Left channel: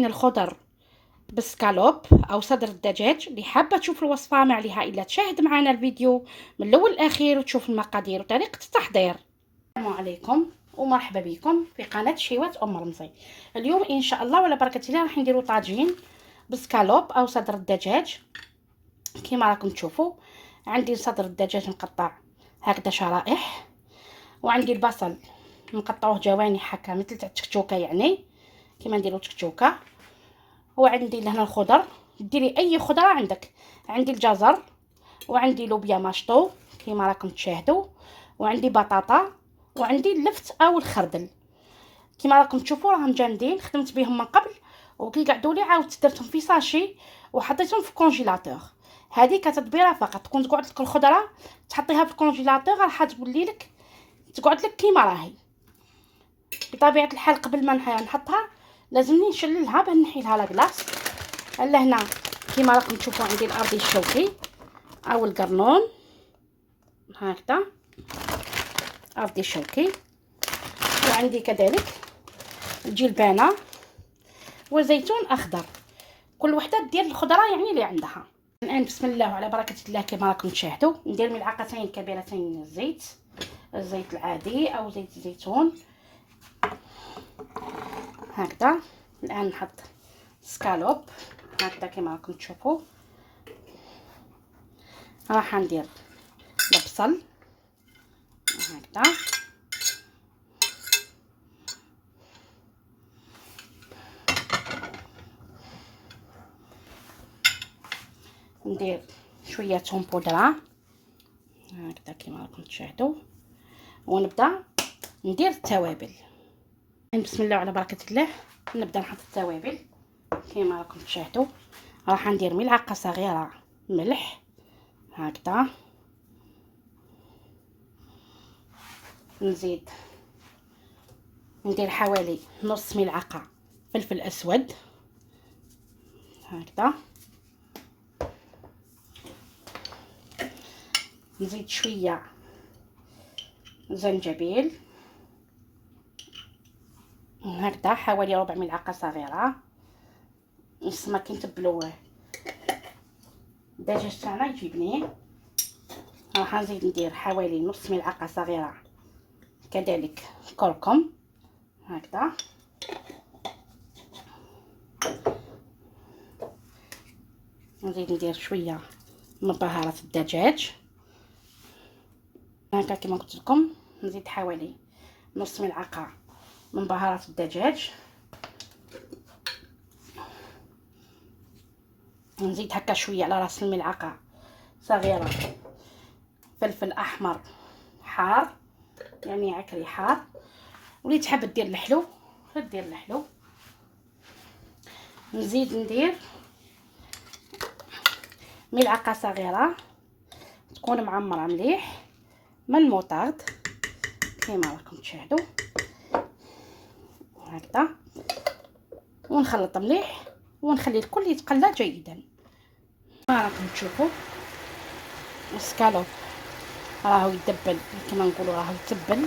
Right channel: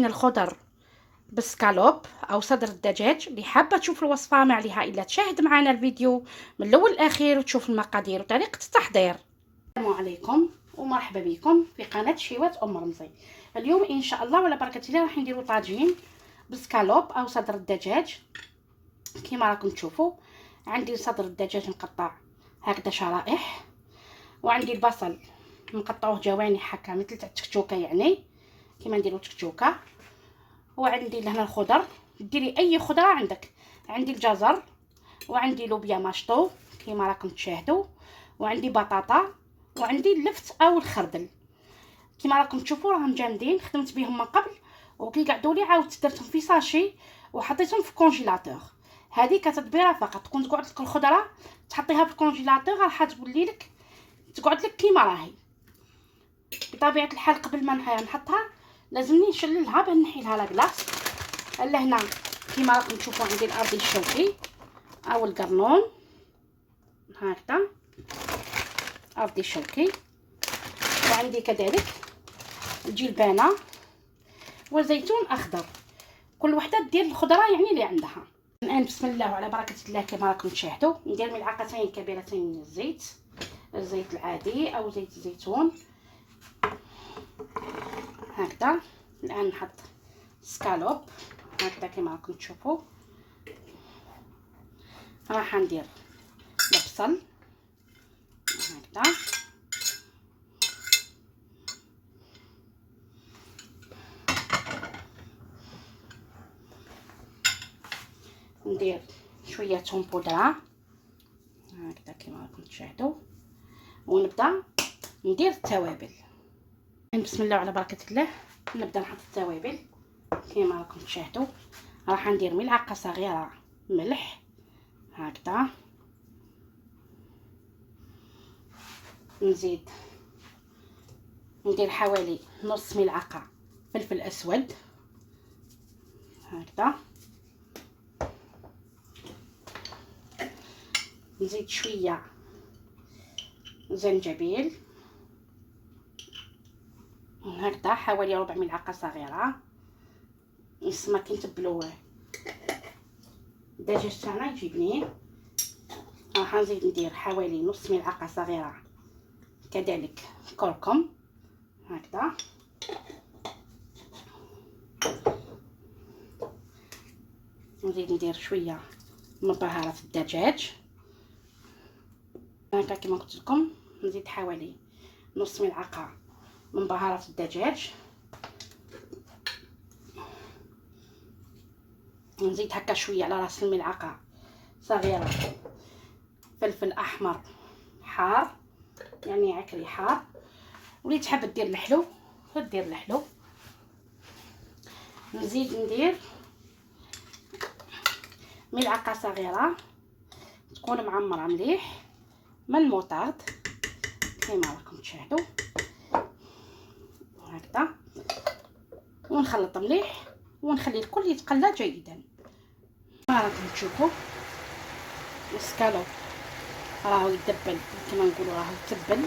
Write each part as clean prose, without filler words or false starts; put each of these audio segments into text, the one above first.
طاجين الخضر بالسكالوب او صدر الدجاج. اللي حابه تشوف الوصفه ما عليها الا تشاهد معنا الفيديو من الاول للاخير وتشوف المقادير وطريقه التحضير. السلام عليكم ومرحبا بكم في قناه شيوات ام رمزي. اليوم ان شاء الله وعلى بركه الله راح نديروا طاجين بالسكالوب او صدر الدجاج. كما راكم تشوفوا عندي صدر الدجاج مقطع هكذا شرائح، وعندي البصل نقطعوه جوانح هكا مثل تاع التكتوكه، يعني كيما نديروا تكتوكه. وعندي لهنا الخضر، ديري اي خضره عندك. عندي الجزر وعندي لوبيا ماشطو كيما راكم تشاهدوا، وعندي بطاطا وعندي اللفت او الخردل. كيما راكم تشوفوا راهم جامدين، خدمت بهم من قبل وكي قعدوا لي عاودت درتهم في ساشي وحطيتهم في الكونجيلاتور. هذه كتدبيره فقط، تكون تقعد لك الخضره تحطيها في الكونجيلاتور راح تولي لك تقعد لك كيما راهي. بطبيعه الحال قبل ما نحطها لازمني نشللها باه نحي لها لاكلاص. لهنا كيما راكم تشوفوا عندي الارضي الشوكي او القرنون هكذا، ارضي الشوكي، وعندي كذلك الجلبانه وزيتون اخضر. كل وحده دير الخضره يعني اللي عندها. الان بسم الله وعلى بركه الله كما راكم تشاهدوا ندير ملعقتين كبيرتين من الزيت العادي او زيت الزيتون هكذا. الان نحط سكالوب هكذا كما راكم تشوفوا. راح ندير البصل هكذا، ندير شويه ثوم بودره هكذا كما راكم تشاهدوا، ونبدا ندير التوابل. بسم الله وعلى بركه الله نبدا نحط التوابل كما راكم تشاهدوا. راح ندير ملعقه صغيره ملح هكذا، نزيد ندير حوالي نص ملعقه فلفل اسود هكذا، نزيد شويه زنجبيل هكذا حوالي ربع ملعقه صغيره. نسمى كي نتبلو الدجاج تاعنا يجي بنين. راح نزيد ندير حوالي نص ملعقه صغيره كذلك كركم هكذا، نزيد ندير شويه من بهارات الدجاج هكا كما قلت لكم. نزيد حوالي نص ملعقه من بهارات الدجاج، نزيد هكا شويه على راس الملعقه صغيره فلفل احمر حار يعني عكري حار، واللي تحب دير الحلو دير الحلو. نزيد ندير ملعقه صغيره تكون معمره مليح من الموطارد كما راكم تشاهدوا هكذا، ونخلط مليح ونخلي الكل يتقلى جيدا. راكم تشوفوا السكالوب راهو يدبل كما نقولوا، راهو يتبل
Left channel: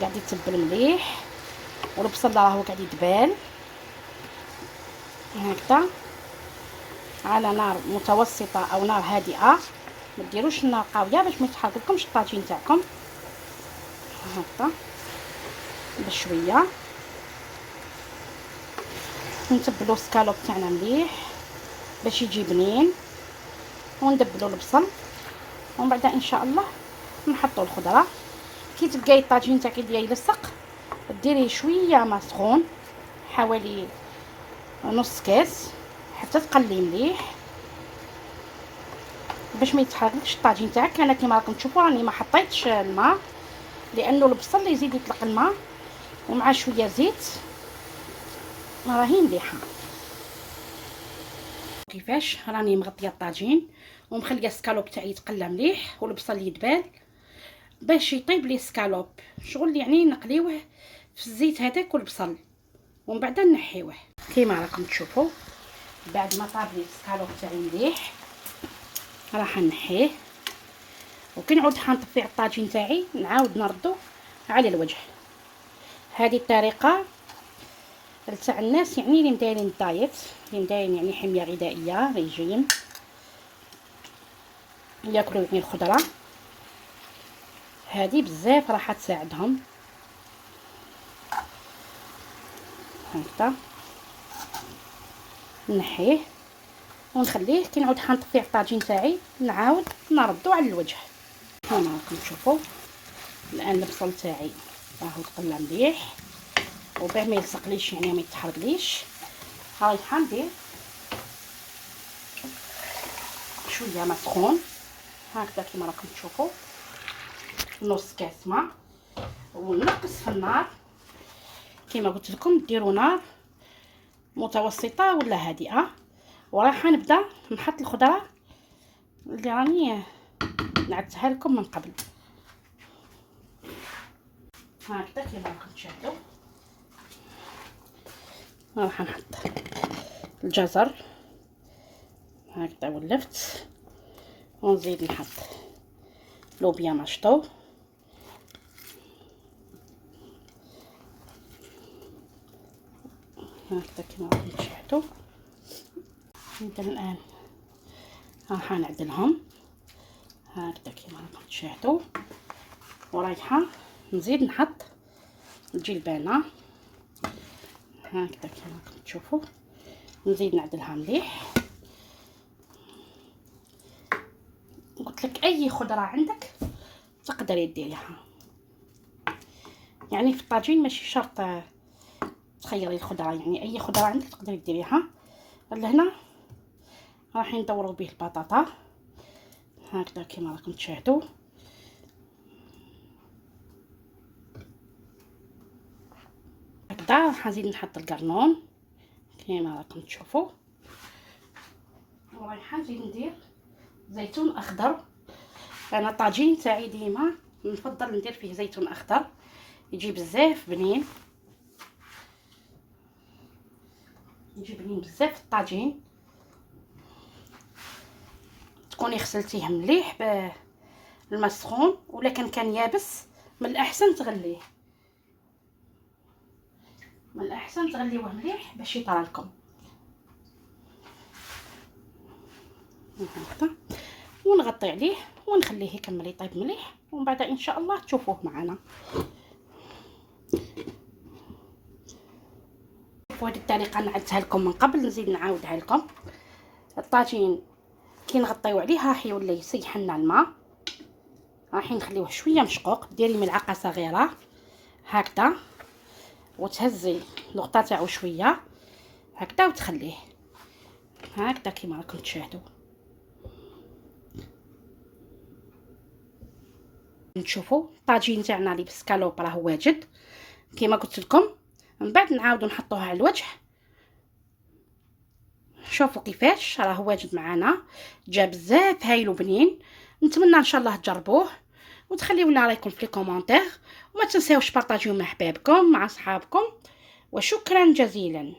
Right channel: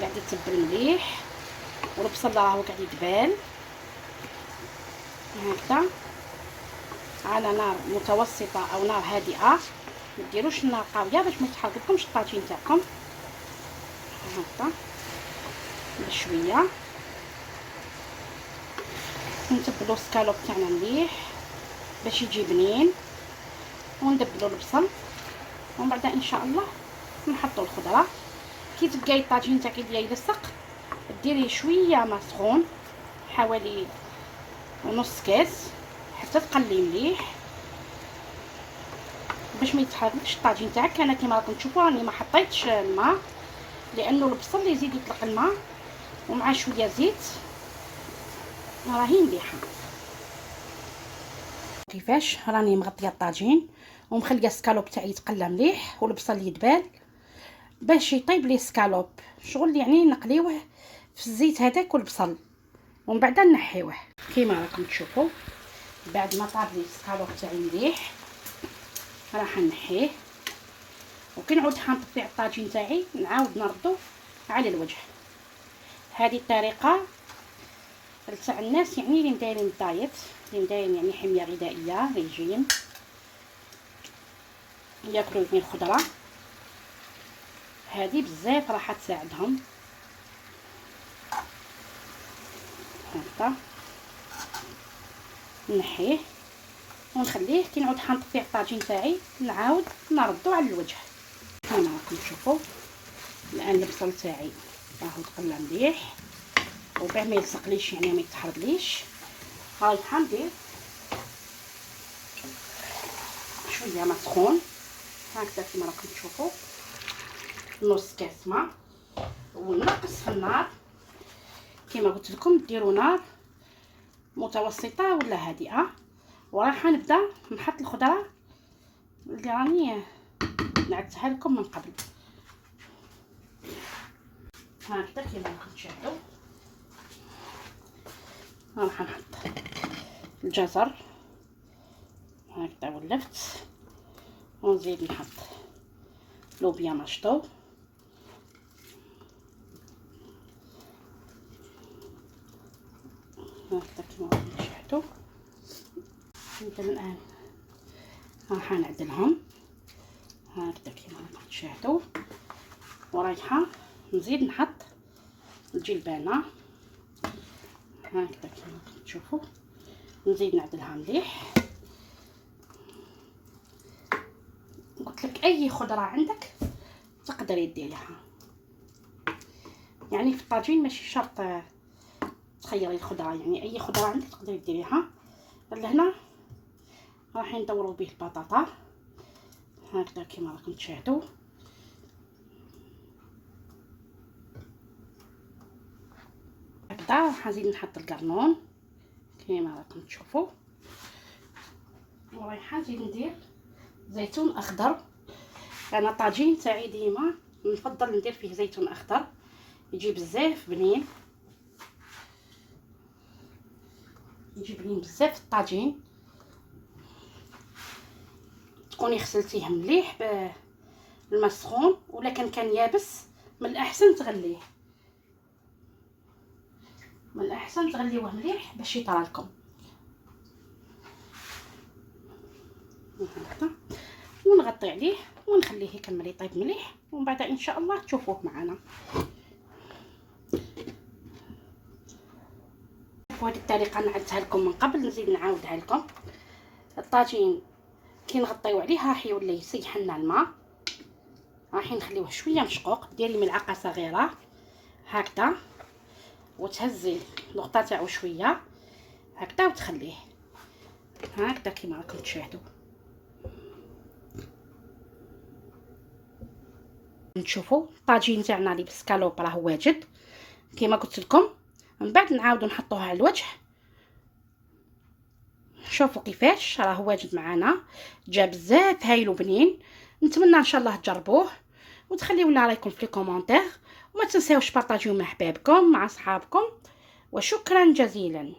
قاعد يتبل مليح، والبصل راهو قاعد يدبال هكذا على نار متوسطه او نار هادئه. ما ديروش النار قويه باش ما يتحرقلكمش الطاجين تاعكم هكذا بشويه. نتبلوا السكالوب تاعنا مليح باش يجي بنين، وندبلوا البصل، ومن بعد ان شاء الله نحطوا الخضره. كي تلقاي الطاجين تاعك يبدا يلصق ديري شويه ما سخون حوالي نص كاس حتى تقلي مليح باش ما يتحرقش الطاجين تاعك. انا كما راكم تشوفوا راني ما حطيتش الماء لانه البصل يزيد يطلق الماء، ومع شويه زيت راهي مليحه. كيفاش راني مغطيه الطاجين ومخليه السكالوب تاعي يتقلى مليح والبصل يدبال باش يطيب لي السكالوب. شغل يعني نقليوه في الزيت هذاك والبصل ومن بعد نحيوه كيما راكم تشوفوا. بعد ما طاب لي السكالوب تاعي مليح راح نحيه، وكي نعود حنطفي الطاجين تاعي نعاود نردو على الوجه. هذه الطريقه تاع الناس يعني اللي مدايرين دايت، اللي مدايرين يعني حميه غذائيه ريجيم، ياكلوا من الخضره هذه بزاف راح تساعدهم. هكذا نحيه ونخليه كي نعود حنط فيه الطاجين تاعي، نعاود نردو على الوجه. هنا راكم تشوفوا الان البصل تاعي راهو تقلى مليح، وباه ما يلصقليش يعني ما يتحرقليش. رايحه ندير شويه ما سخون هكذا كما راكم تشوفوا، نص كاس ماء، ونقص في النار كما قلت لكم. ديروا نار متوسطه ولا هادئه، وراح نبدا نحط الخضره اللي راني نعدتها لكم من قبل. هكذا كما راكم تشاهدوا راح نحط الجزر هكذا ولفت، ونزيد نحط لوبيا مشطو، هكذا كما راكم تشاهدوا. نبدا الان راح نعدلهم هكذا كما راكم تشاهدوا، ورايحه نزيد نحط الجلبانه هكذا كما راكم تشوفوا، نزيد نعدلها مليح. قلت لك اي خضره عندك تقدري ديريها، يعني في الطاجين ماشي شرط تخيري الخضره، يعني اي خضره عندك تقدري ديريها. لهنا راح ندوروا به البطاطا هكذا كما راكم تشاهدوا. هكذا راح نزيد نحط القرنون كما راكم تشوفوا، ورايحه نزيد ندير زيتون اخضر. انا الطاجين تاعي ديما نفضل ندير فيه زيتون اخضر، يجي بزاف بنين، يجي بنين بزاف الطاجين. تكوني غسلتيه مليح بالماء سخون، ولا كان يابس من الاحسن تغليه، من الاحسن تغليوه مليح باش يطرى لكم هكذا. ونغطي عليه ونخليه يكمل يطيب مليح، ومن بعد ان شاء الله تشوفوه معنا. شوفوا هذه الطريقه نعدتها لكم من قبل، نزيد نعاودها لكم. الطاجين كي نغطيو عليه راح يولي يسيح لنا الماء، راح نخليوه شويه مشقوق. ديري ملعقه صغيره هكذا وتهزي الغطاء تاعو شويه هكذا وتخليه هكذا كما راكم تشاهدوا. نشوفوا الطاجين تاعنا اللي بالسكالوب راه واجد كما قلت لكم. من بعد نعاودو نحطوها على الوجه، شوفوا كيفاش راه واجد معنا، جا بزاف هايل وبنين. نتمنى ان شاء الله تجربوه وتخليو لنا رايكم في الكومونتير، وما تنساوش بارطاجيو مع احبابكم مع اصحابكم، وشكرا جزيلا.